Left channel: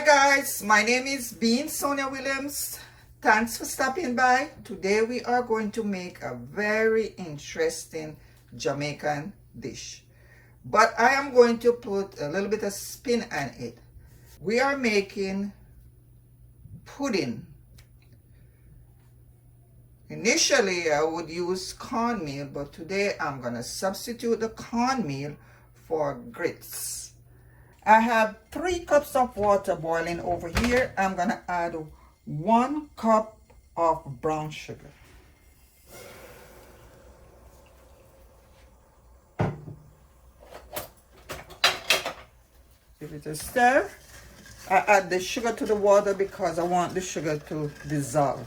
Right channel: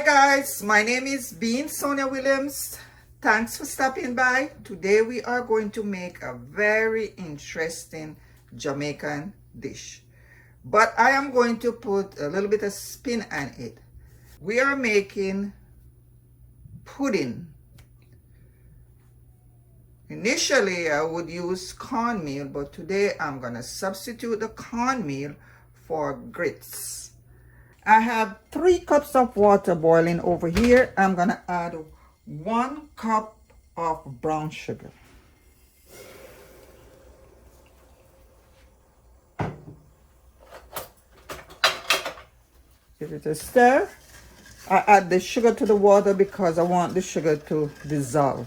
Hi guys, my name is Bean Sonia Williams. Thanks for stopping by. Today we are going to make a very interesting Jamaican dish. But I am going to put a little bit of spin on it. We are making pudding. Initially I would use cornmeal, but today I'm going to substitute the cornmeal for grits. I have 3 cups of water boiling over here. I'm gonna add 1 cup of brown sugar. Give it a stir. I add the sugar to the water because I want the sugar to dissolve.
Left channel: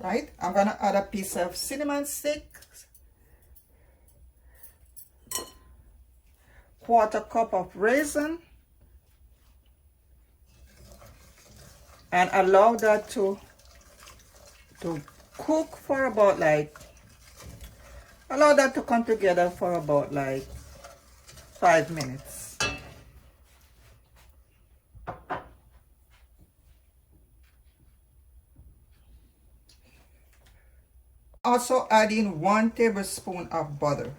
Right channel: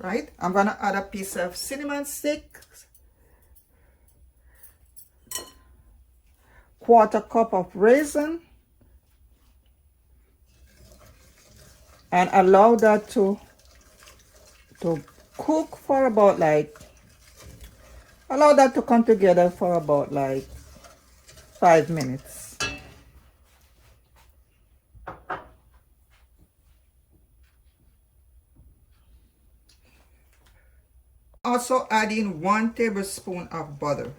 Right? I'm gonna add a piece of cinnamon stick, 1/4 cup of raisin, and allow that to cook for about allow that to come together for about 5 minutes. Also adding 1 tablespoon of butter.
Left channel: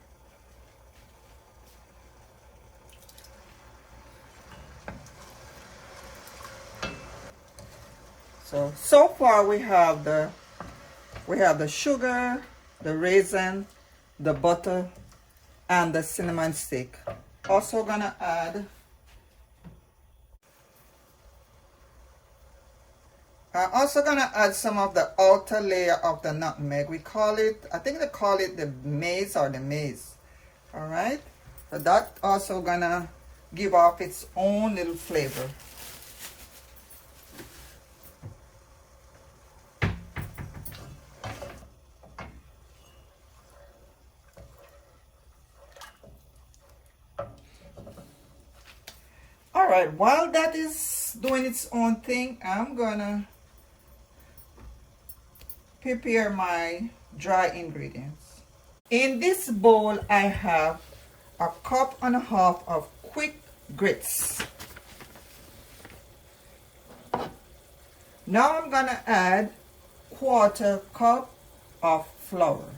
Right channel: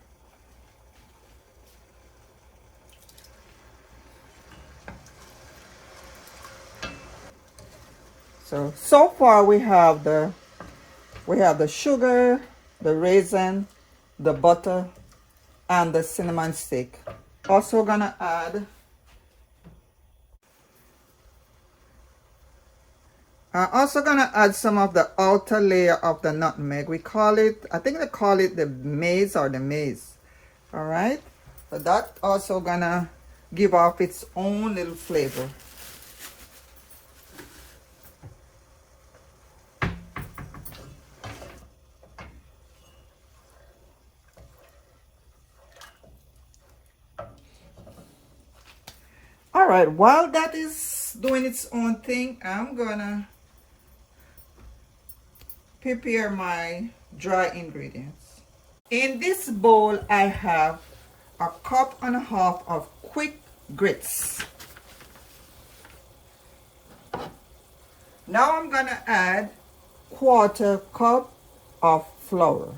So far we have the sugar, the raisin, the butter, and the cinnamon stick. Also gonna add some of the outer layer of the nutmeg. We call it, I think they call it the maize or the maize. All right, so that also gonna give off its own little flavor. All right, while that is doing its own thing, I'm gonna prepare my dry ingredients. In this bowl, I have 1.5 cups of quick grits. Now I'm gonna add 1/4 cup of flour.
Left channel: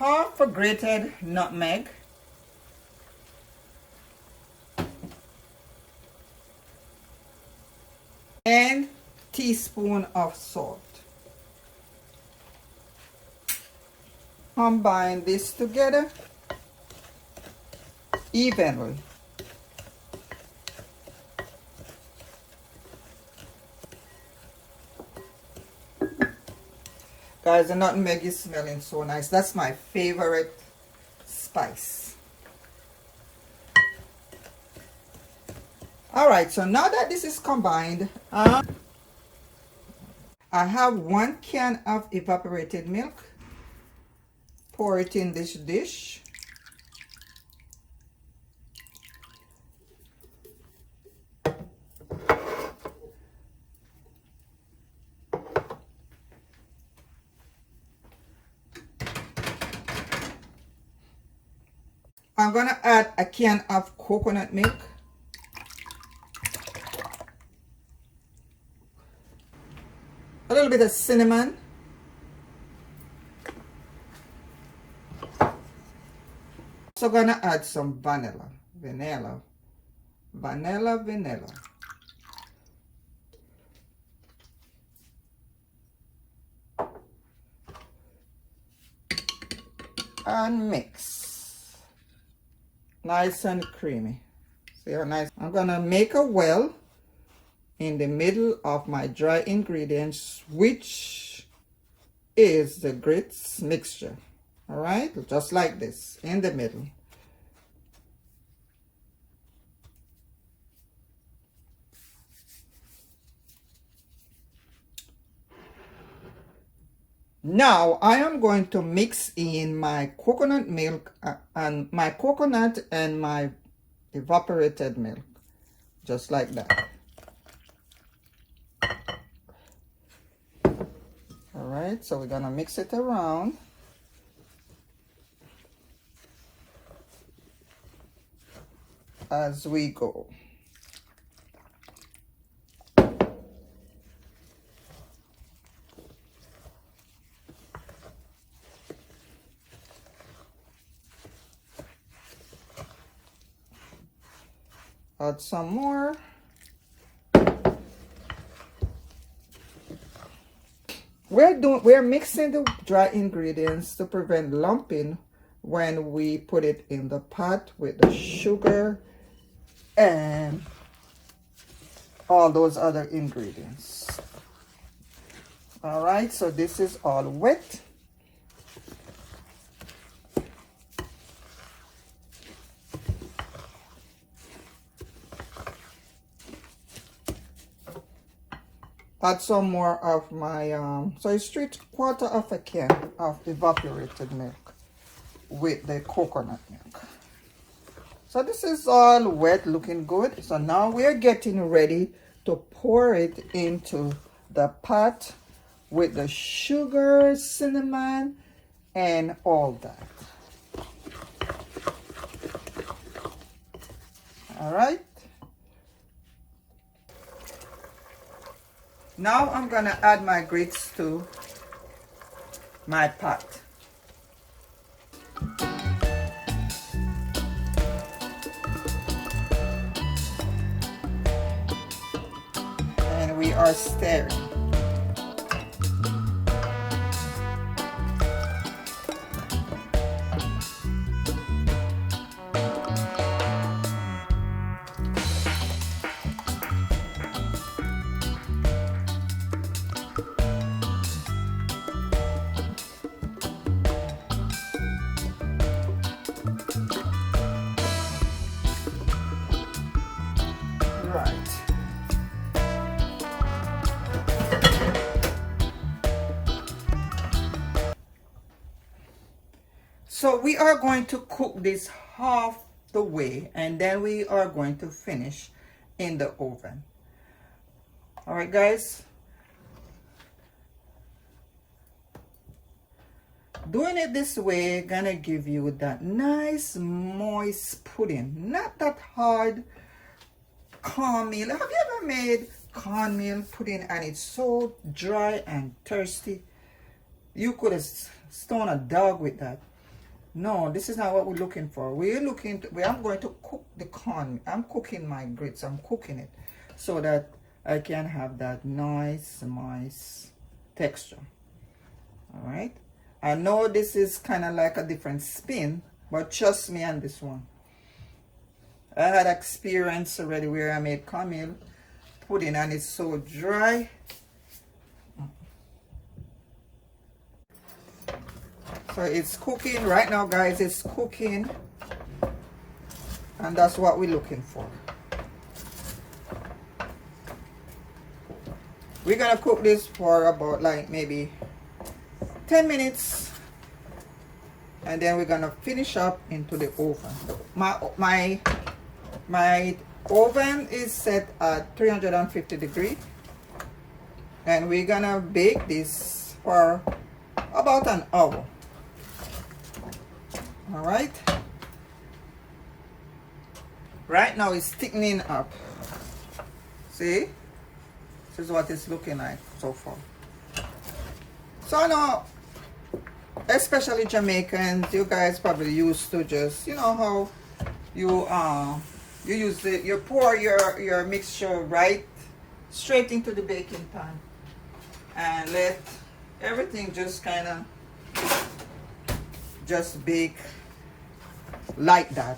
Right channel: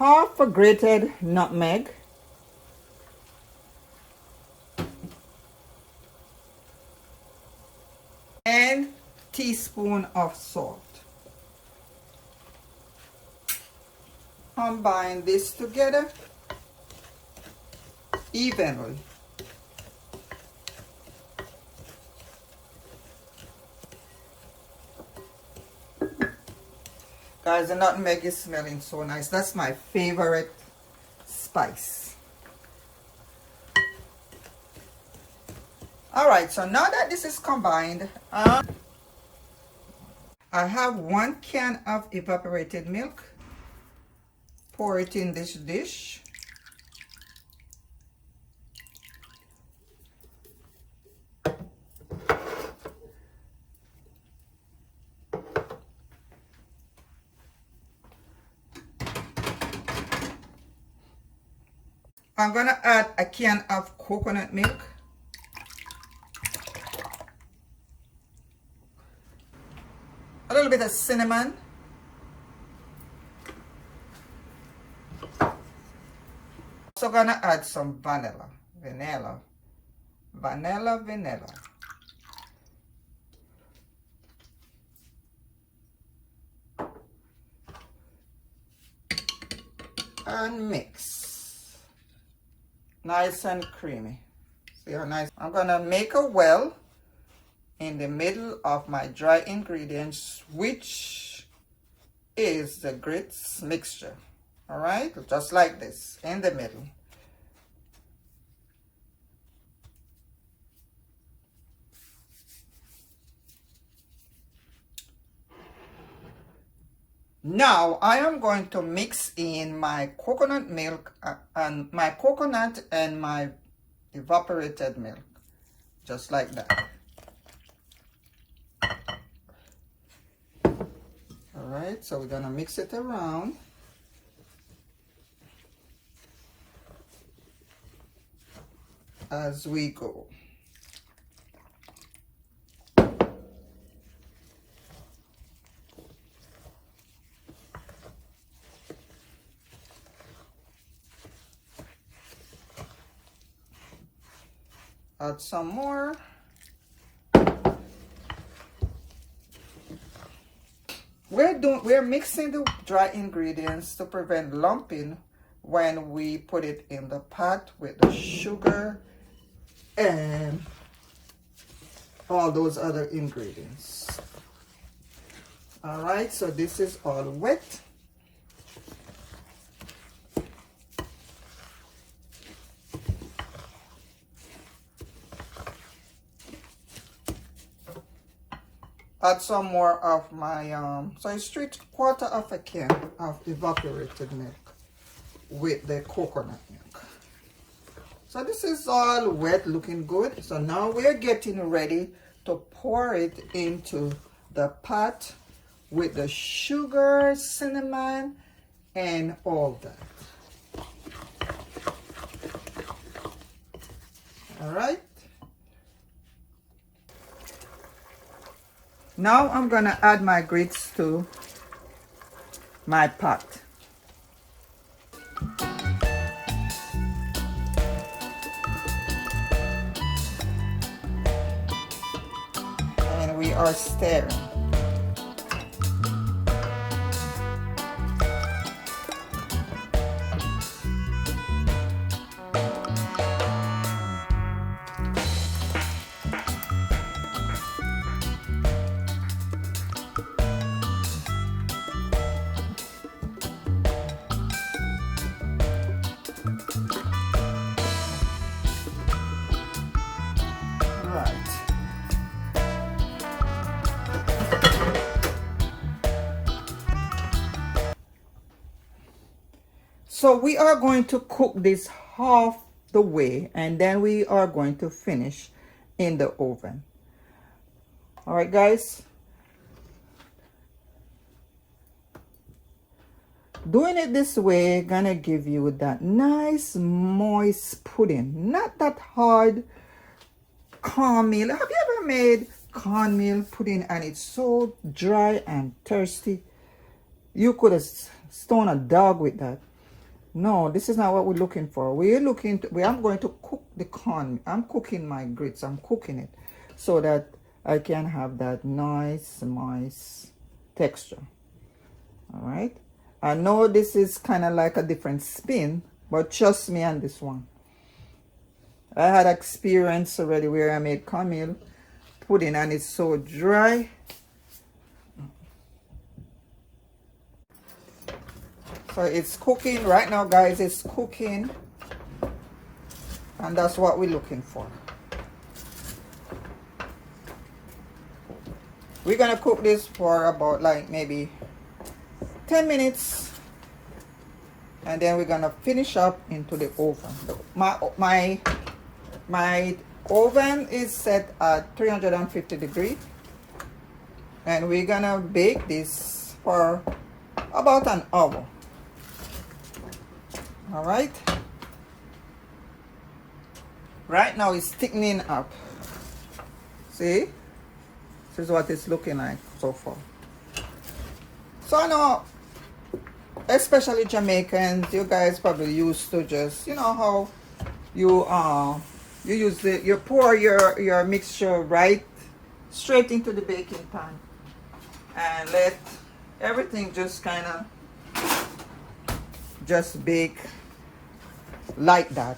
Half a grated nutmeg, and teaspoon of salt. Combine this together evenly. Guys, the nutmeg is smelling so nice. That's my favorite spice. All right, so now that this is combined, I have 1 can of evaporated milk. Pour it in this dish. I'm gonna add a can of coconut milk. A little bit of cinnamon. Also gonna add some vanilla. And mix. Nice and creamy. See how nice? I'm gonna make a well in the middle of my dry ingredients, which is the grits mixture. All right, just like this, in the middle. Now I am going to mix in my coconut milk and my evaporated milk, just like that. All right, so we're gonna mix it around. as we go. Add some more. We're mixing the dry ingredients to prevent lumping when we put it in the pot with the sugar and all those other ingredients. All right, so this is all wet. Add some more of my, so it's 3/4 of a can of evaporated milk with the coconut milk. So this is all wet, looking good. So now we're getting ready to pour it into the pot with the sugar, cinnamon, and all that. All right. Now I'm gonna add my grits to my pot. And we are stirring. So we are going to cook this half the way, and then we are going to finish in the oven. All right, guys. Doing it this way gonna give you that nice moist pudding, not that hard cornmeal. Have you ever made cornmeal pudding and it's so dry and thirsty? You could have stoned a dog with that. No, this is not what we're looking for. We're looking to, I'm going to cook the corn. I'm cooking my grits. I'm cooking it so that I can have that nice moist texture. All right. I know this is kind of like a different spin, but trust me on this one. I had experience already where I made cornmeal pudding and it's so dry. So it's cooking right now, guys. It's cooking, and that's what we're looking for. We're gonna cook this for about like maybe 10 minutes, and then we're gonna finish up into the oven. My oven is set at 350 degrees, and we're gonna bake this for about an hour. All right. Right now it's thickening up. See? This is what it's looking like so far. So I know, especially Jamaicans, you guys probably used to just, you know how you use it, you pour your mixture right straight into the baking pan and let everything just kind of just bake like that.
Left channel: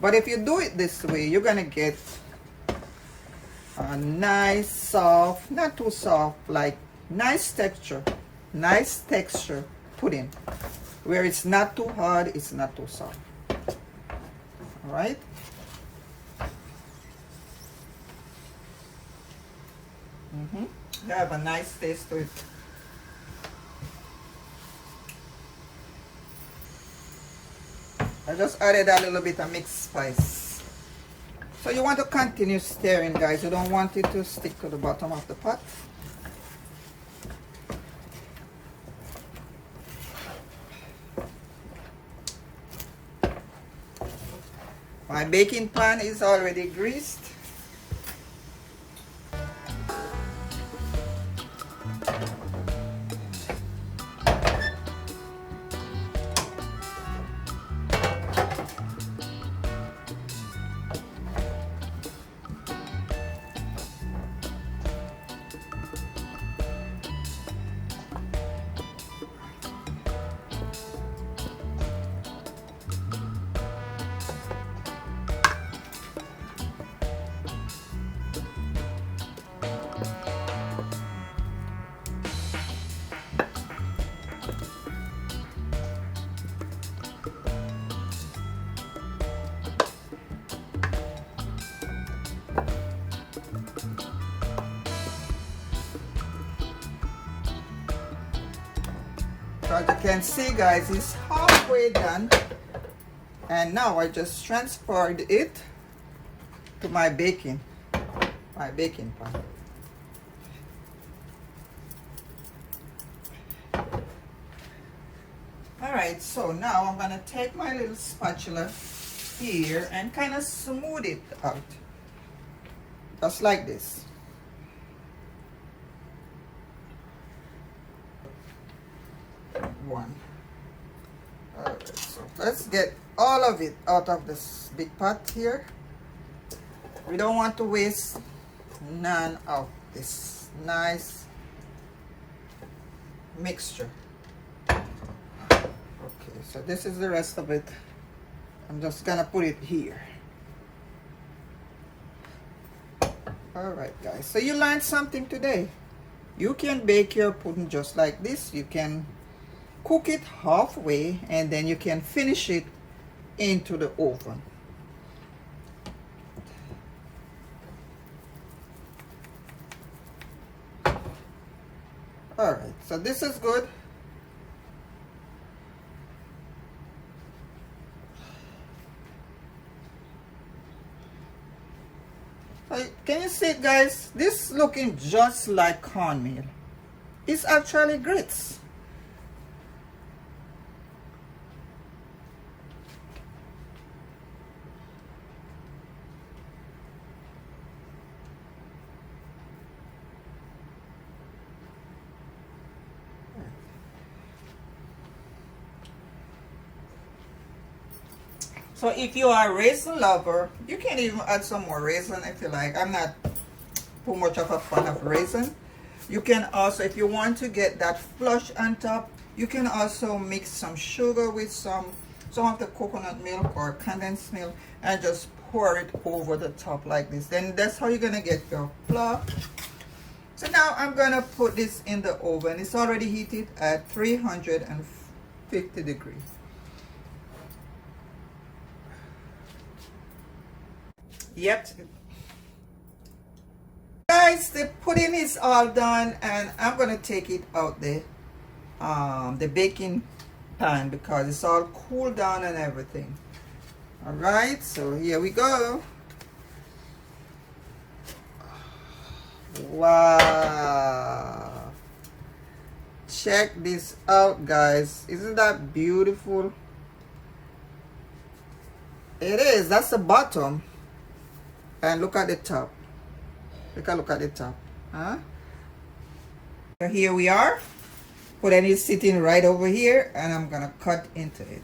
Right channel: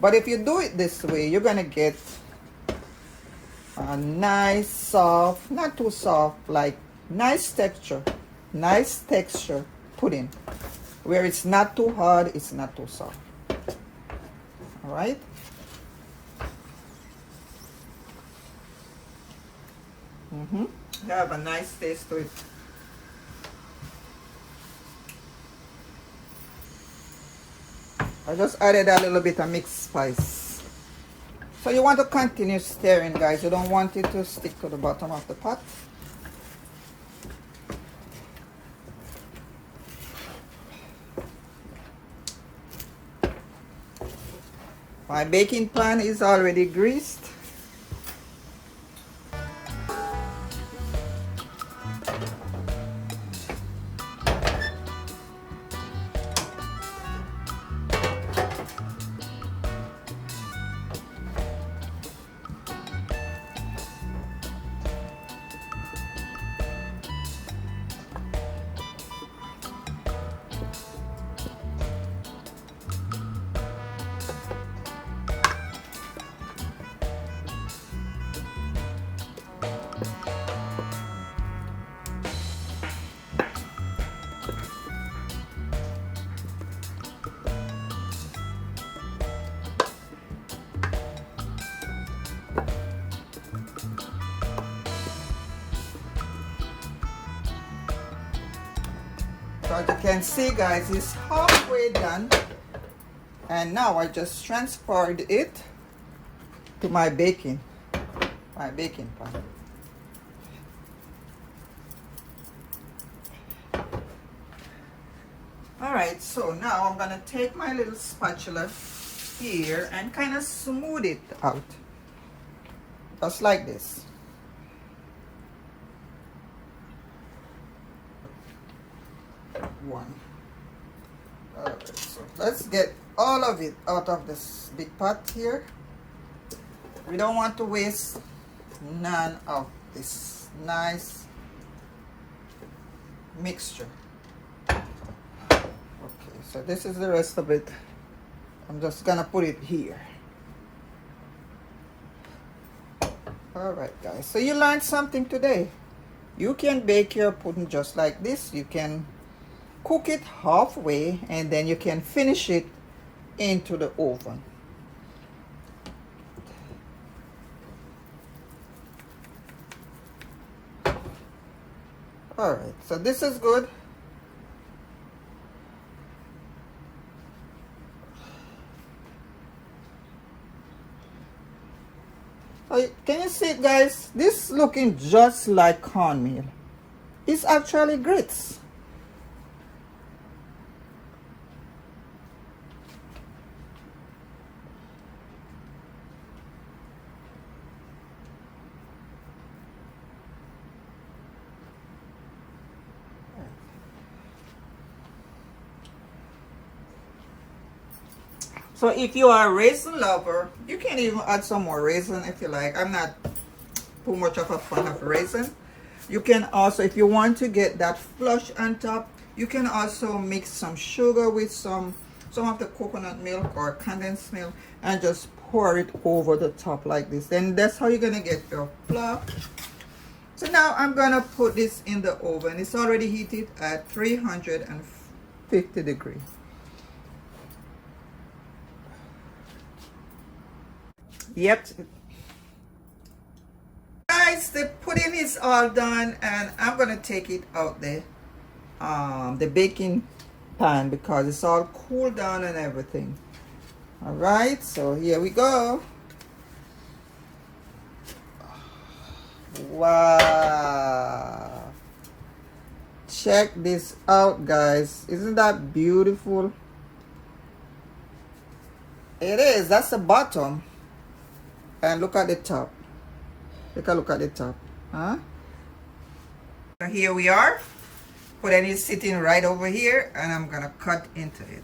But if you do it this way, you're gonna get a nice soft, not too soft, like nice texture pudding, where it's not too hard, it's not too soft. All right. They have a nice taste to it. I just added a little bit of mixed spice. So you want to continue stirring, guys. You don't want it to stick to the bottom of the pot. My baking pan is already greased. So as you can see, guys, it's halfway done. And now I just transferred it to my baking pan. Alright, so now I'm gonna take my little spatula here and kind of smooth it out. Just like this. One. Alright, so let's get all of it out of this big pot here. We don't want to waste none of this nice mixture. Okay, so this is the rest of it. I'm just gonna put it here. Alright guys, so you learned something today. You can bake your pudding just like this. You can cook it halfway and then you can finish it into the oven. Alright, so this is good. Can you see it, guys? This looking just like cornmeal. It's actually grits. So if you are a raisin lover, you can even add some more raisin if you like. I'm not too much of a fan of raisin. You can also, if you want to get that flush on top, you can also mix some sugar with some of the coconut milk or condensed milk and just pour it over the top like this. Then that's how you're gonna get your fluff. So now I'm gonna put this in the oven. It's already heated at 350 degrees. Yep. Guys, the pudding is all done and I'm gonna take it out the baking pan because it's all cooled down and everything. All right, so here we go. Wow, check this out, guys. Isn't that beautiful? It is. That's the bottom. And look at the top. Look at the top. Huh? So here we are. Pudding is sitting right over here and I'm gonna cut into it.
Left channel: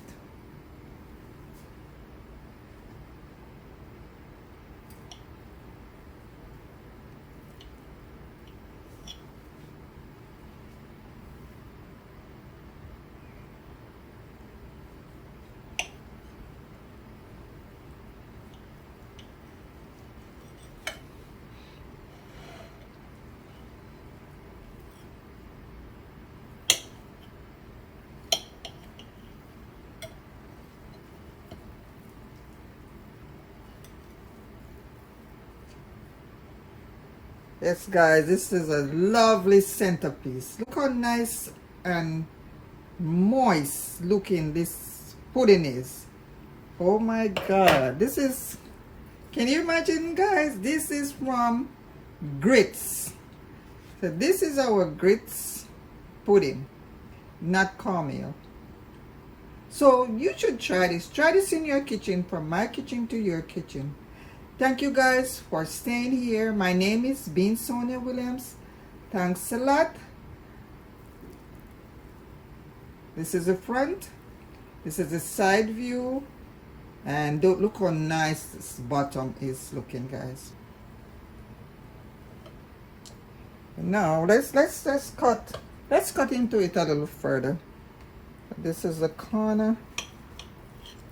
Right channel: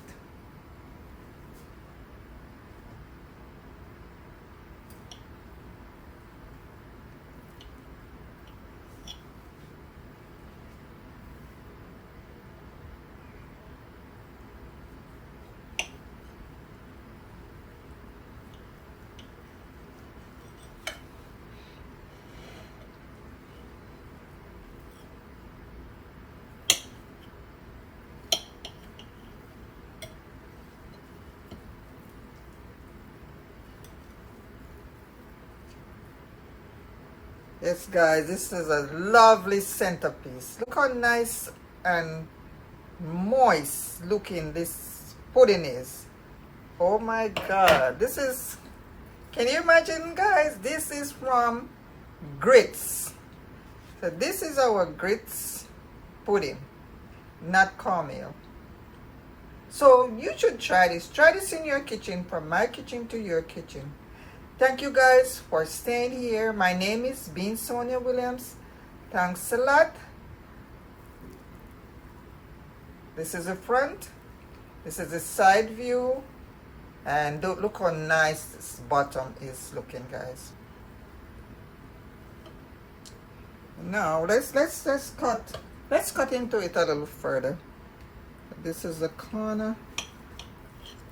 Yes guys, this is a lovely centerpiece. Look how nice and moist looking this pudding is. Oh my god, this is, can you imagine guys, this is from grits. So this is our grits pudding, not cornmeal. So you should try this. Try this in your kitchen, from my kitchen to your kitchen. Thank you guys for staying here. My name is Bean Sonia Williams. Thanks a lot. This is the front. This is the side view. And look how nice this bottom is looking, guys. Now let's cut into it a little further. This is the corner.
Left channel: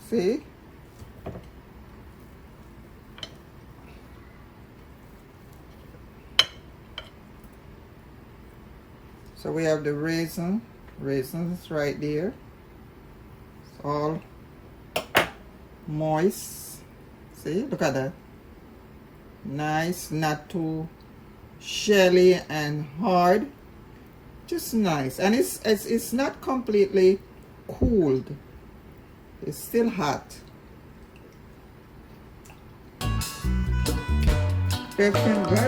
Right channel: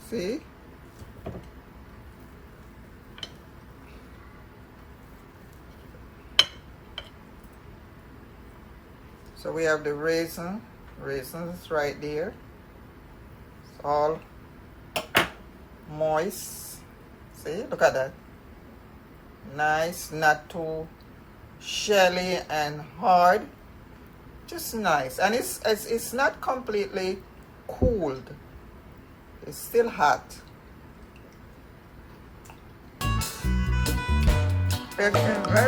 See? So we have the raisins right there. It's all moist. See, look at that. Nice, not too shelly and hard. Just nice. And it's not completely cooled. It's still hot. It's been very